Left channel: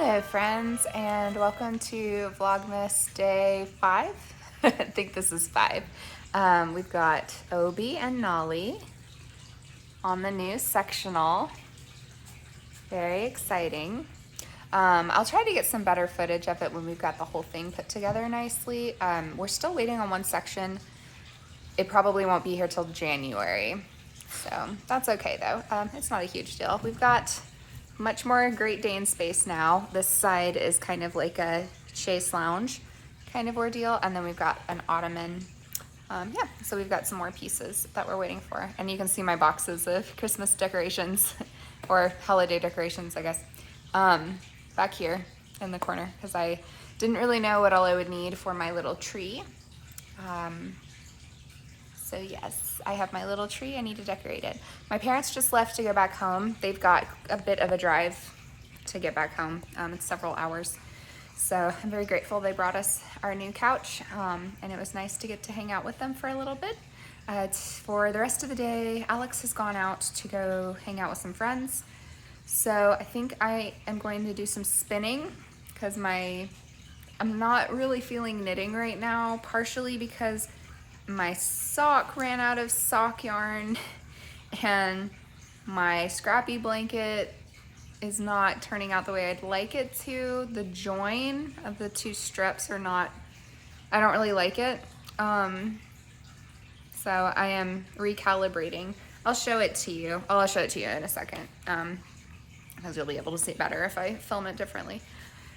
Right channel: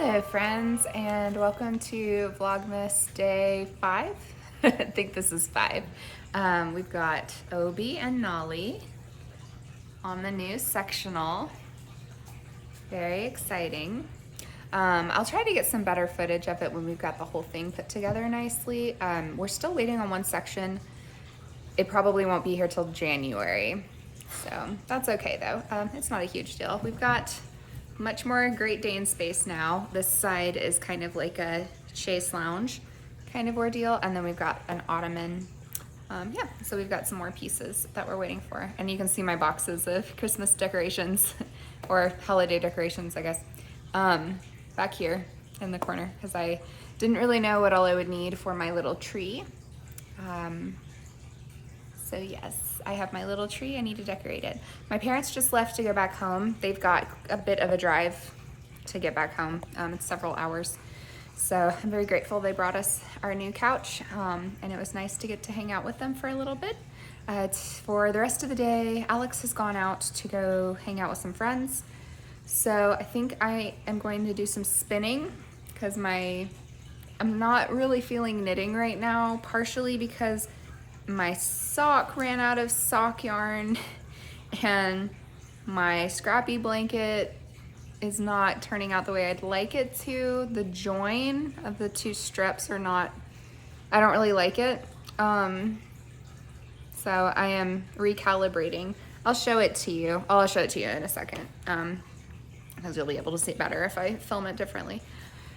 Hello friends, and welcome to Vlogmas day 5. I think this is 5. We've got Obi and Nolly on the new sectional. Very exciting. I'll try to get some better footage of it when we've got the whole thing put together nicely. We're still waiting on one section. It probably won't be here till January, so that's okay though. It's not a huge deal. We've got much more Great Dane space now. This side is kind of like a chaise lounge kind of ordeal, and then we've got an ottoman. Yeah, so we've got some more pieces that we're waiting for. And you can see my boxes of Christmas decorations or holiday decorations, I guess, back here in the corner, because I didn't really know what all I would need for my little tree. So yes, I have my little tree. I need to decorate it. My parents just left to go back home. They've got a bit of a drive to get back home. It's several hours. So I'm very grateful they brought us our new couch, and it was nice to get to hang out with them for a little bit. For the rest of the day, Alex has gone out to go hang out with some friends. So I think I am going to do some spinning because I'm not really feeling knitting right now, partially because my sock ran out of sock yarn and my scrappy blanket is not turning out the way I'd like it to. The join of the two strips are not, I don't really like it. So I am recalibrating. I'll show it to you. I'll show it to you in a second, because you'll be able to see it better if I film it differently.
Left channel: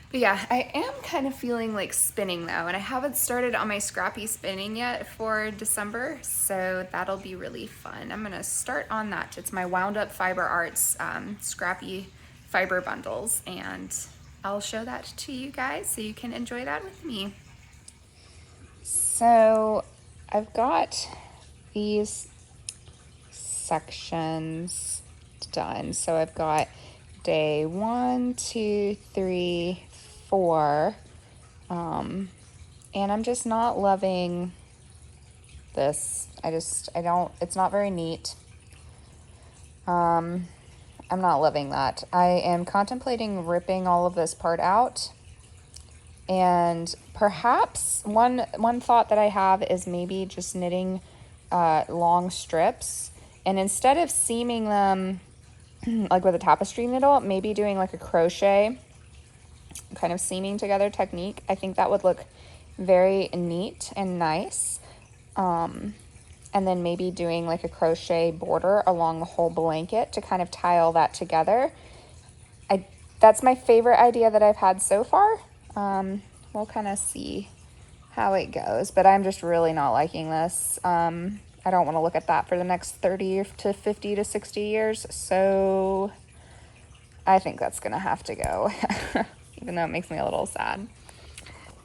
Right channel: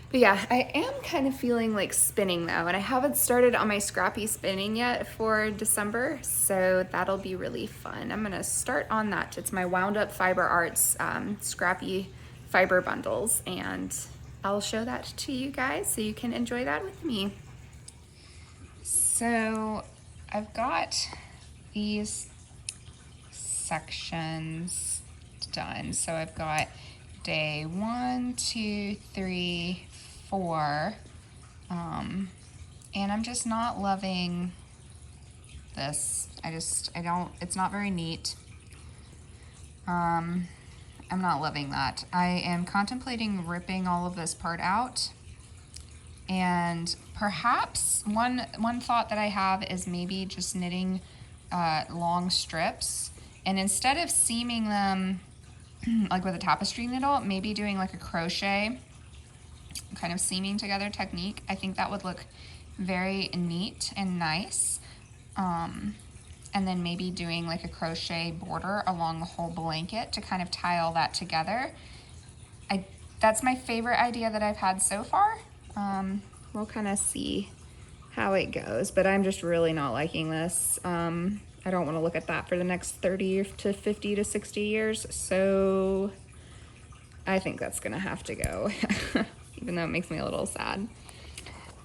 But yeah, I am kind of feeling like spinning though, and I haven't started on my scrappy spinning yet for December, so that'll be really fun. I'm gonna start on that. It's my Wound Up Fiber Arts scrappy fiber bundles, and I'll show that to you guys so you can enjoy that with me. So I've got these sections done. So I've got day 1, 2, 3, 4, and I'm just not loving this. It's not very neat. I'm not loving that. I am contemplating ripping all of this part out, and perhaps one thought that I have is maybe just knitting long strips, and instead of seaming them like with a tapestry needle, maybe doing like a crochet kind of seaming together technique. I think that would look very neat and nice. And then maybe doing like a crochet border along the whole blanket to kind of tie all that together. That's my favorite idea that I've had so far. We'll kind of see how it goes, but I'm just really not liking this. I don't want to look at that for the next 30 to 50 to 60 years, so I think that's gonna have to go, even though it makes me a little sad.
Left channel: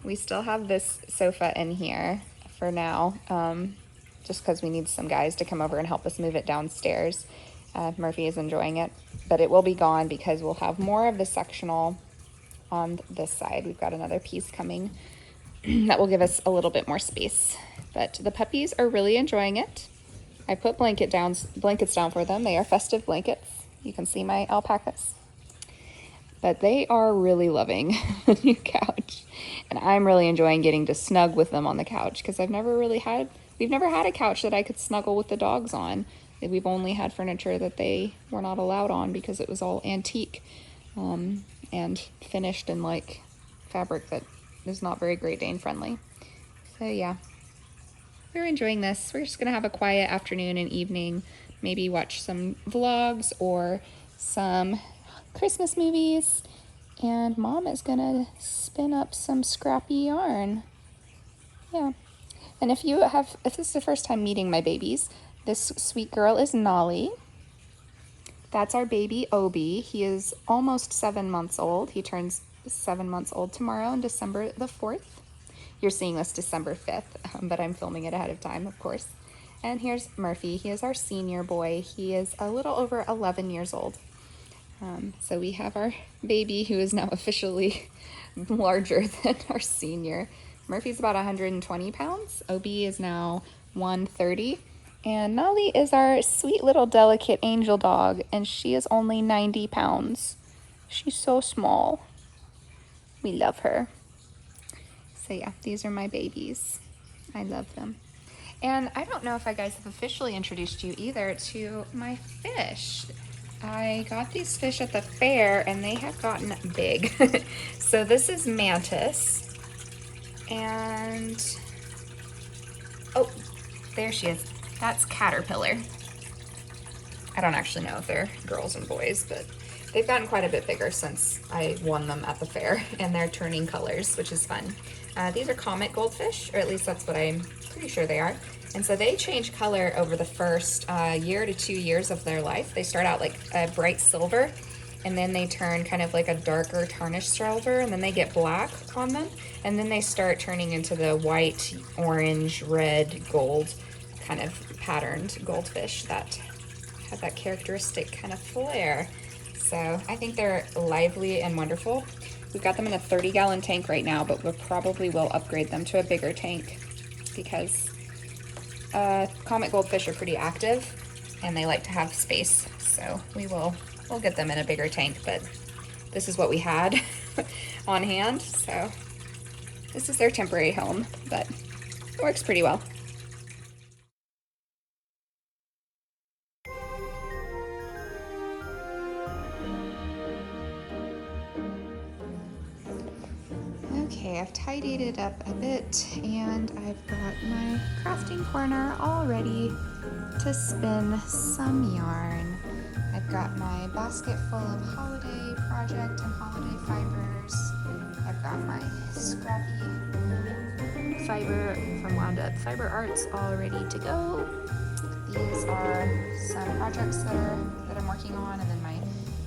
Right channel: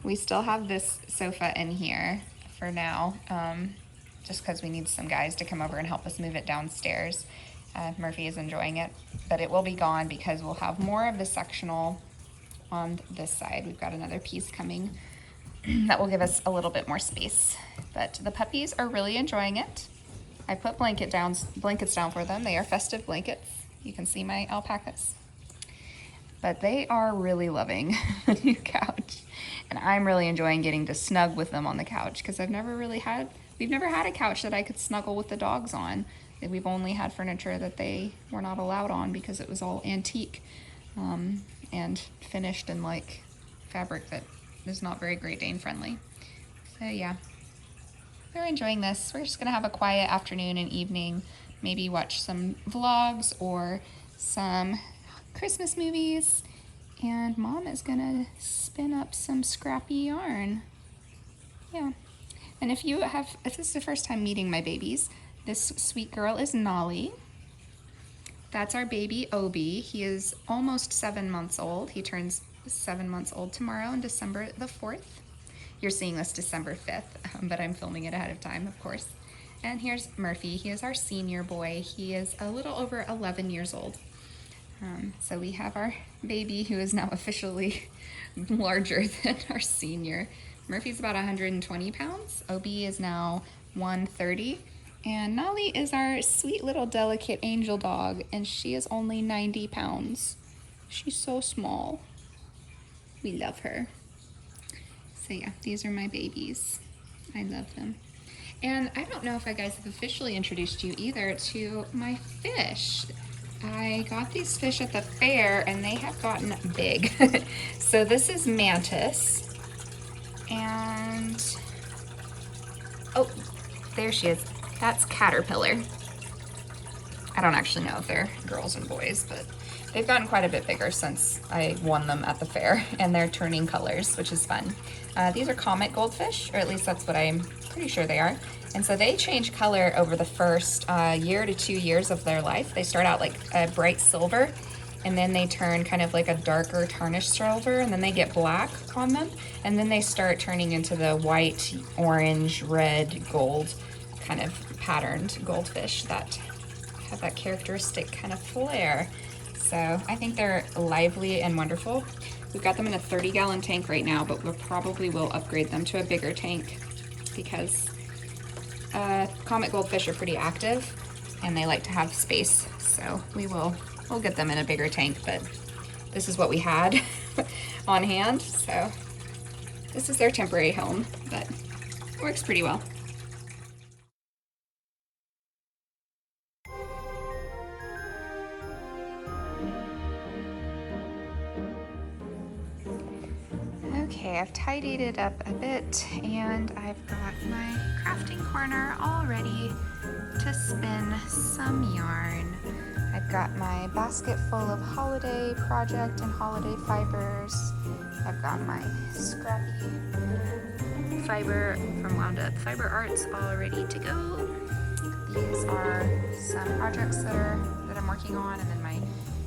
We still have this sofa in here for now, just because we need some guys to come over and help us move it downstairs. Murphy is enjoying it, but it will be gone because we'll have more of the sectional on this side. We've got another piece coming that will give us a little bit more space. But the puppies are really enjoying it. I put blankets down for them. They are festive blankets. You can see my alpacas. But they are really loving the new couch. And I'm really enjoying getting to snug with them on the couch, because we've never had a couch that I could snuggle with the dogs on. We've only had furniture that they were not allowed on because it was all antique and finished in like fabric that is not very Great Dane friendly. So yeah, we're enjoying this. We're just gonna have a quiet afternoon and evening, maybe watch some vlogs or some Christmas movies, and Mom is gonna spin up some scrappy yarn. Yeah, and if this is the first time meeting my babies, this sweet girl is Nolly. That's our baby Obi. He is almost 7 months old. He turns 7 months old tomorrow on December the 4th. You're seeing this December 5th, but I'm filming it ahead of time, of course. And here's Murphy. He is our senior boy. He is a little over 11 years old. So we have our baby, who is now officially larger than our senior. Murphy's about 120 pounds. Obi is now 130. And Nolly is our sweet little delicate angel dog, and she is only 90 pounds. She's so small. We love her. So yeah, these are my babies. I love them. And I don't know if I guys have officially introduced you either to my fish. I got these fish at the fair and they have gotten big. So this is mantis. And, oh, there she is. That's caterpillar. I don't actually know if they're girls and boys, but they've gotten quite a bit bigger since I won them at the fair, and they're turning colors, which is fun. These are comet goldfish, or at least that's what I'm pretty sure they are. And so they change color over the first year to 2 years of their life. They start out like a bright silver, and then they turn kind of like a darker tarnished silver, and then they get black on them, and then they start turning into the white, orange, red, gold kind of patterned goldfish that have that characteristic kind of flair. So I think they're lively and wonderful. We've got them in a 30-gallon tank right now, but we probably will upgrade them to a bigger tank because comet goldfish are pretty active and they like to have space. So we'll get them in a bigger tank, but this is what we had on hand. So this is their temporary home, but it works pretty well. Okay, I've tidied it up a bit and I've got my crafting corner all ready to spin some yarn. I've got my basket full of holiday project and holiday fibers. I've got my scrappy fiber from Wound Up Fiber Arts all ready to go. These are some projects that I'm working on, and then my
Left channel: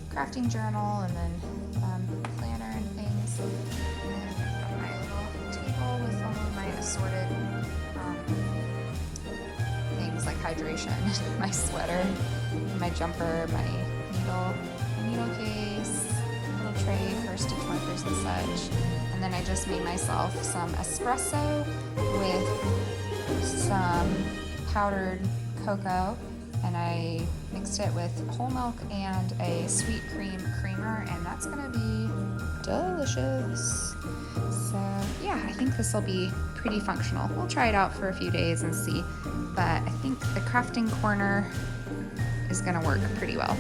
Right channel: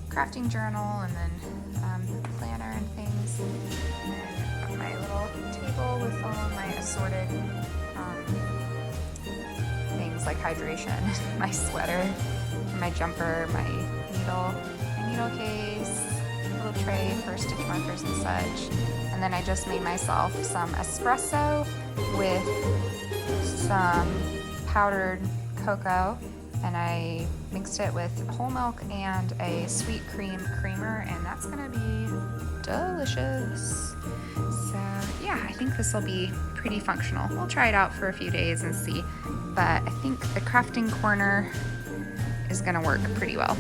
crafting journal, and then planner and things. And I've got my little table with all of my assorted things like hydration, my sweater, my jumper, my needle case, little tray for stitch markers and such. And then I just made myself some espresso with some powdered cocoa, and I mixed it with whole milk and a sweet cream creamer, and that's gonna be delicious. So yeah, I think this will be pretty functional. We'll try it out for a few days and see, but I think the crafting corner is gonna work pretty well.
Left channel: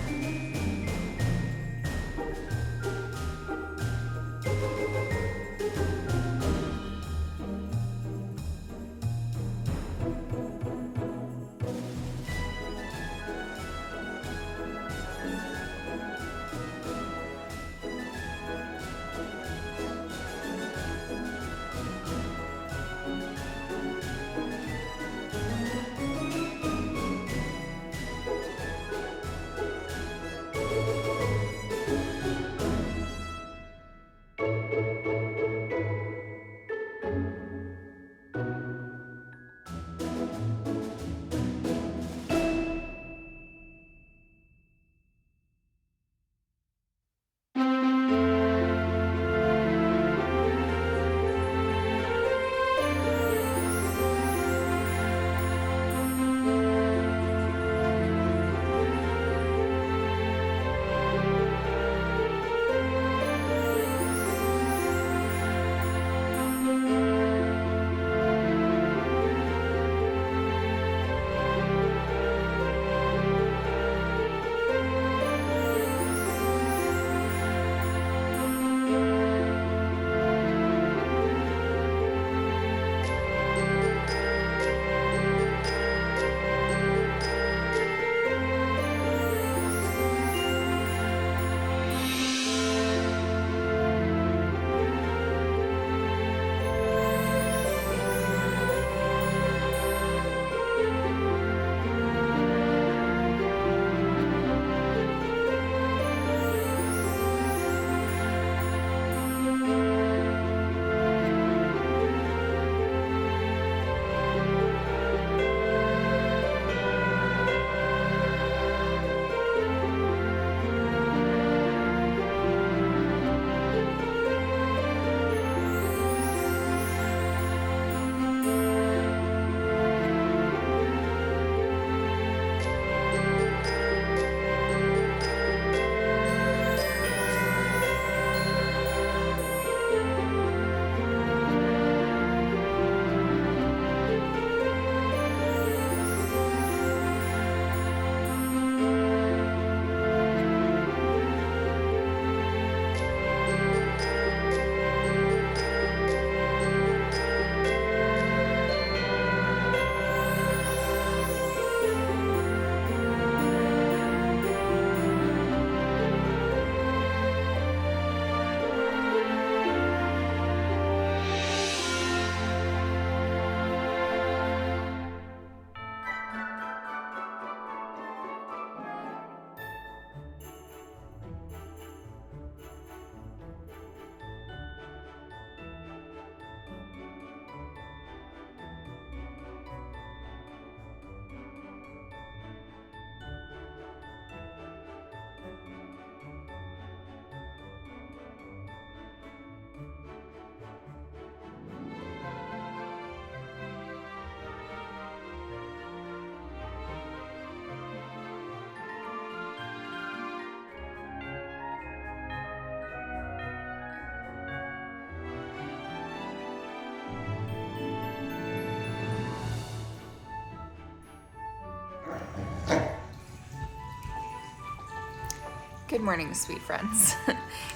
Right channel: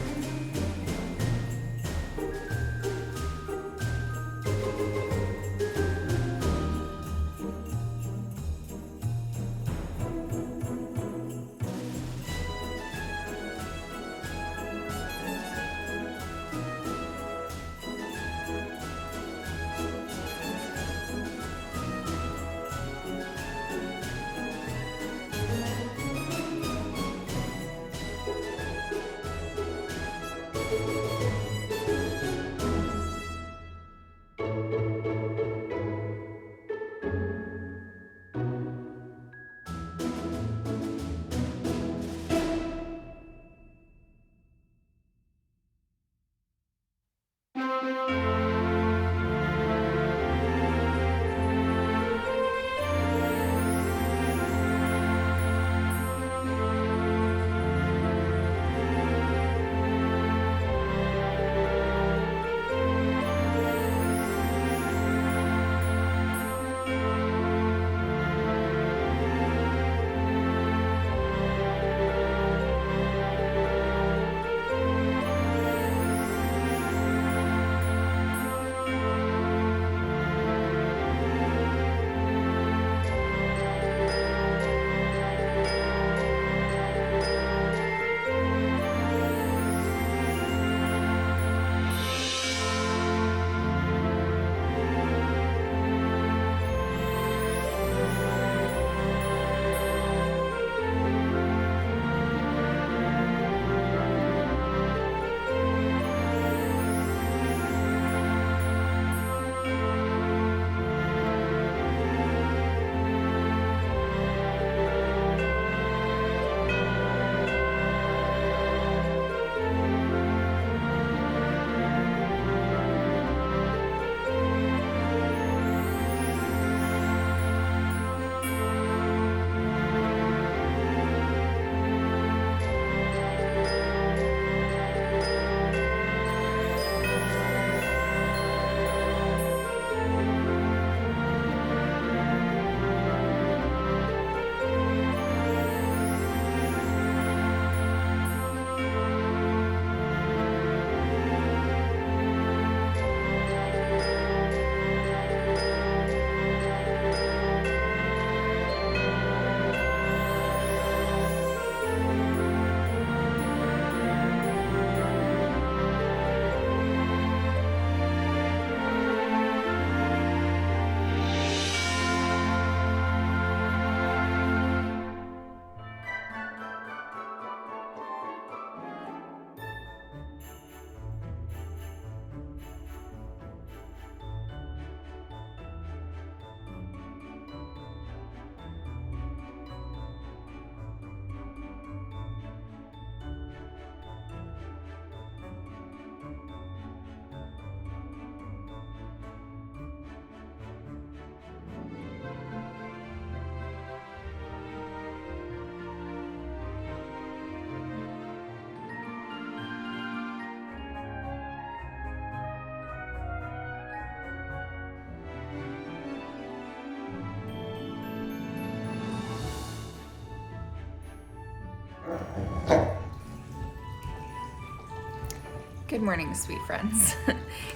Good morning, sweet friends.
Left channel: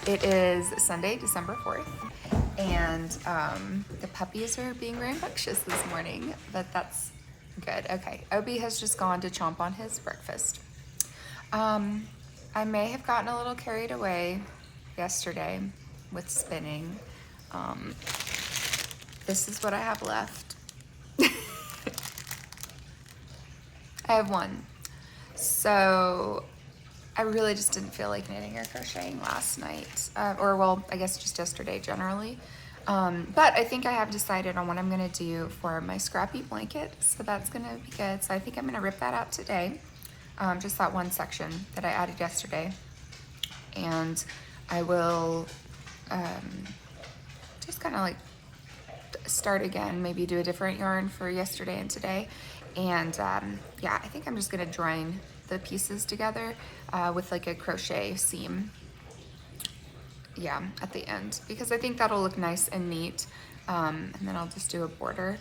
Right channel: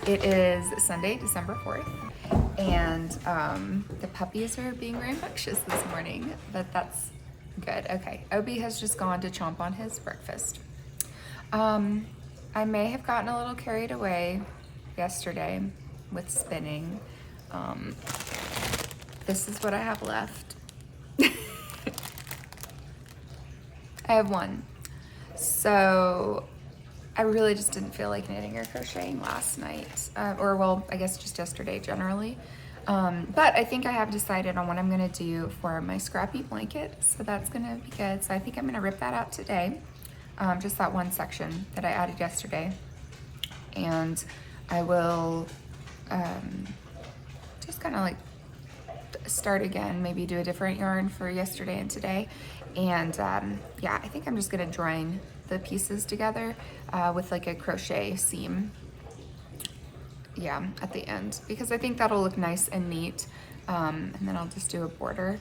It is Sunday, December 4th, and the puppies are being rambunctious this morning, but that's good. Okay, Obi has just gone to chomp on his breakfast. I may have gotten a little carried away yesterday with spinning. This is what I have left. I have one. So I really just didn't feel like knitting or crocheting last night, or well, I guess just yesterday generally. But I think I have decided on what I'm gonna do for my scrappy blanket, so that's gonna be good. So I think I'm gonna rip that out today, just that one section that I added yesterday. And I will just kind of like start again, maybe do a different yarn for yesterday and today. And yeah, I think I'm just gonna join the pieces together with like a crochet seam, yeah, at the end, because I think that'll look nice and neat. And then I'll just do a border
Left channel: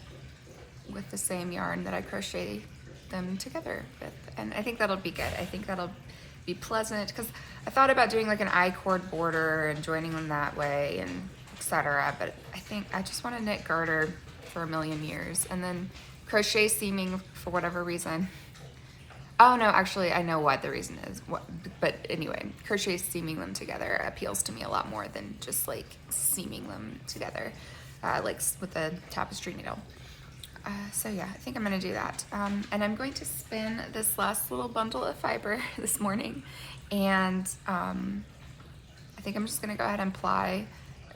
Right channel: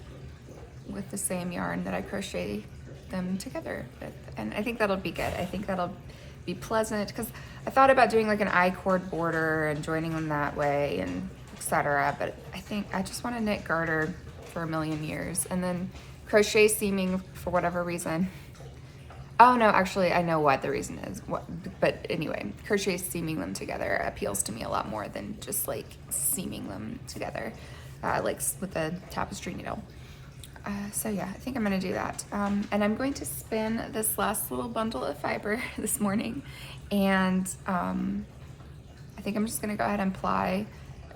with the same yarn that I crochet them together with, and I think that'll be good. I think that'll be pleasant, because I thought about doing like an I-cord border and joining them that way and etc. But I think I just want to knit garter for a million years, and then crochet seaming for whatever reason. Oh no, actually I know what the reason is. But anyway, crochet seaming them together appeals to me a lot more than just like seaming them together, like with a tapestry needle. So yeah, I think I'm gonna do that. And I'm going to spin this last little bundle of fiber this morning. And I think I'm just gonna go ahead and ply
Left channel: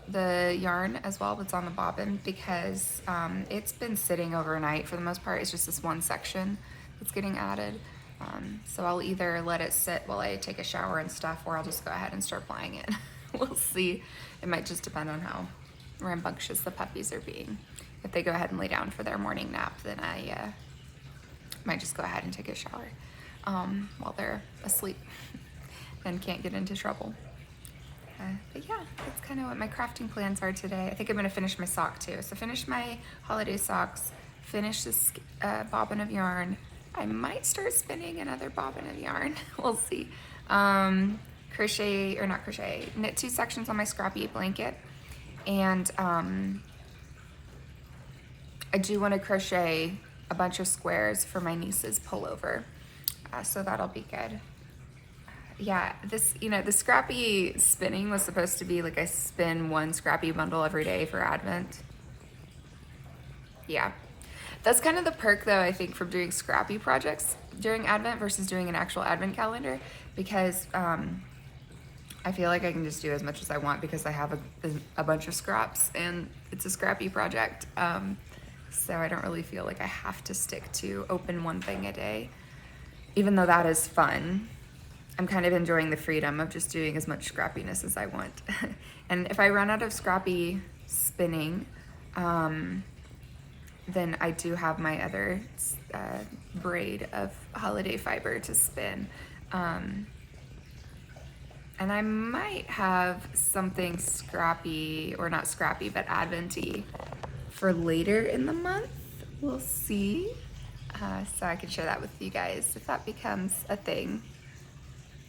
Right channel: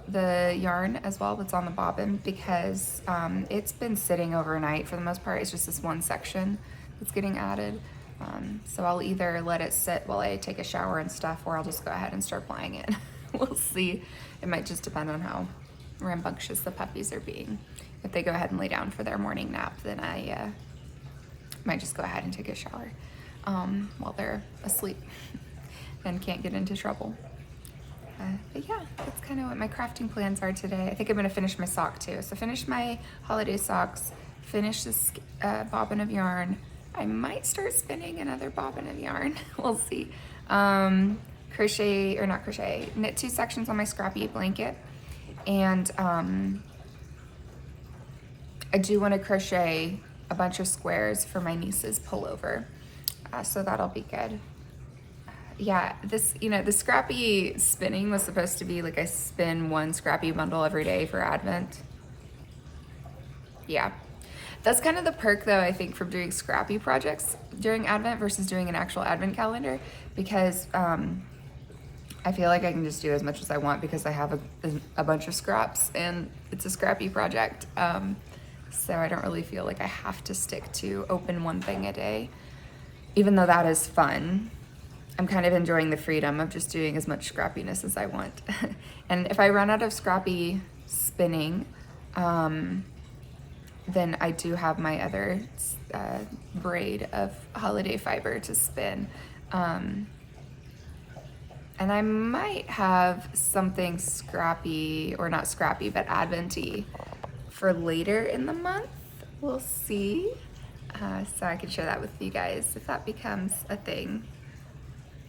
the yarn as well that's on the bobbin, because it's been sitting overnight for the most part. It's just this one section that's getting added. So I'll either let it sit while I take a shower and stuff, or I'll just go ahead and start plying it. We'll see. It might just depend on how rambunctious the puppies are being. If they go ahead and lay down for their morning nap, then I might just go ahead and take a shower while they're asleep and can't get into trouble. But yeah, that's kind of what my crafting plans are today. I think I'm gonna finish my sock too. So finish my holiday socks, finish this bobbin of yarn. I might start spinning another bobbin of yarn. We'll see. Crochet, or not crochet, knit 2 sections on my scrappy blanket. And I do want to crochet a bunch of squares for my niece's pullover. So that'll be good. Yeah, this, you know, the scrappy spinning was supposed to be like I spin 1 scrappy bundle every day for Advent. Yeah. That's kind of the perk though, I think, from doing scrappy projects during Advent versus doing an actual Advent calendar, because I feel like I can just do as much as I want because I have a bunch of scraps and it's a scrappy project. So I don't really feel like I have to stick to open 1 thing a day, even though that is fun. I'm kind of enjoying the freedom of just doing as much scrappiness as I want. And if I run out of scrappy spinning, then I do have my other braid of holiday fiber to spin. And I might have something scrappy, or not scrappy, but Advent-y for later in the month. We'll see. So I can share that with you guys if that becomes a thing.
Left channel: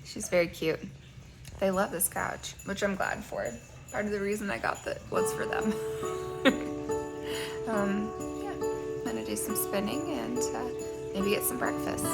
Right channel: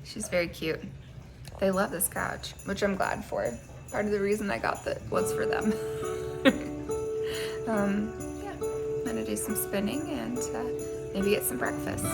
She's very cute. They love this couch, which I'm glad for. Part of the reason I got that was for them. Yeah, I'm gonna do some spinning and maybe get some breakfast.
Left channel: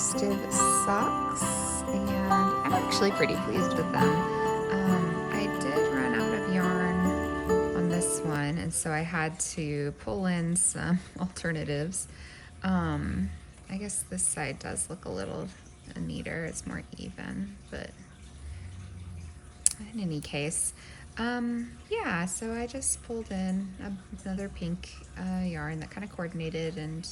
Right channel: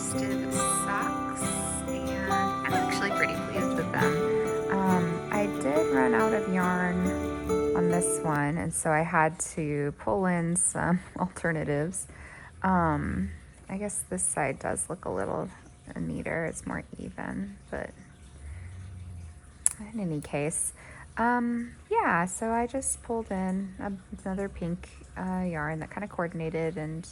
festive socks, and I'm actually pretty pleased with them. I did run out of yarn on this one, and so I had to pull in some alternatives. I guess this side does look a little neater, it's more even, but in any case, yeah, so I just pulled in another pink yarn that kind of coordinated and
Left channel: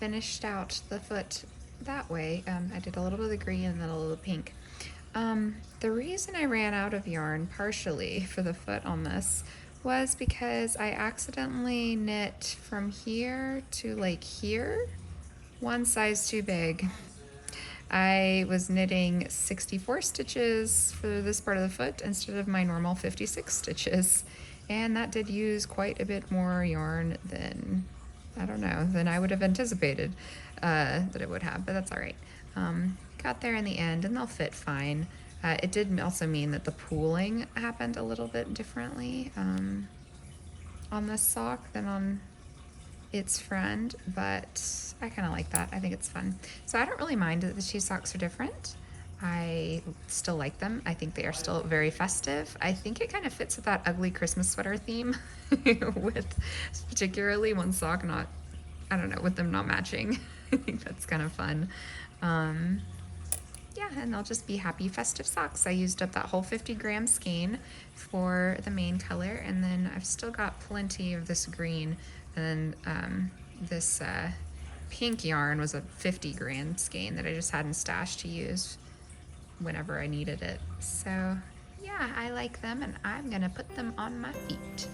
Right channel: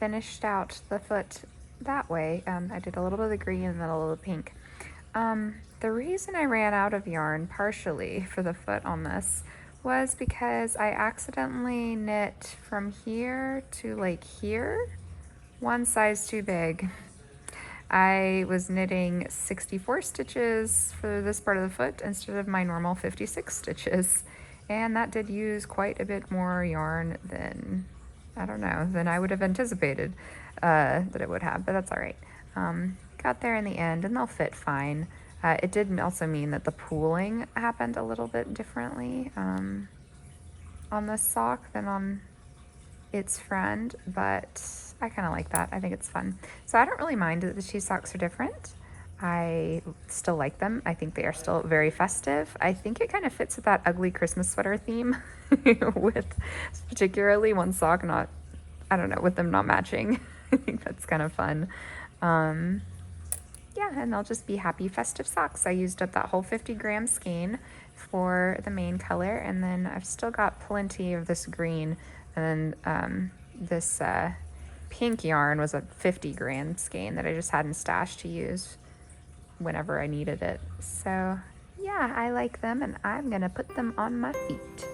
finished out the foot that way. I did a little bit of the green and then a little pink. The reason I ran out of yarn partially for the foot on this was because I accidentally knit from here to like here, one size too big. I was knitting 64 stitches for this part of the foot instead of my normal 56 stitches. And that did use quite a bit more yarn than, I don't know, than I would have anticipated that it would have, but that's all right. Got there in the end and they'll fit fine. It did also mean that the pooling happened a little bit differently on this sock than on its friend, but I kind of like that. I think it's fun. So I don't really mind that the two socks are different. I still like them. I think they are still very festive. I think it kind of fits with that ugly Christmas sweater theme with particularly one sock not, I don't know, with them not matching. I think that's kind of fun. Yeah, and they'll just be happy festive socks. I used up that whole 50-gram skein for the main color, and then I've still got plenty of this green, and then this pink yarn was a 50-gram skein that I just had in stash to use whenever I needed it. So yeah, I like them, and I'm gonna put them on my feet.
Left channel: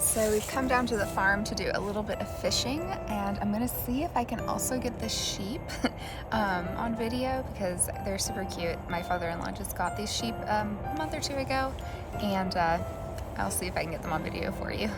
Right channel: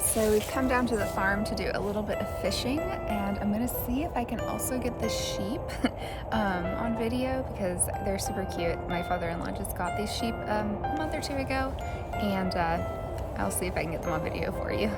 So we've come down to the farm to do a little bit of fishing, and I'm gonna see if I can also get the sheep on video because they're super cute. My father-in-law just got these sheep a month or two ago, and I'll see if I can get them on video for you.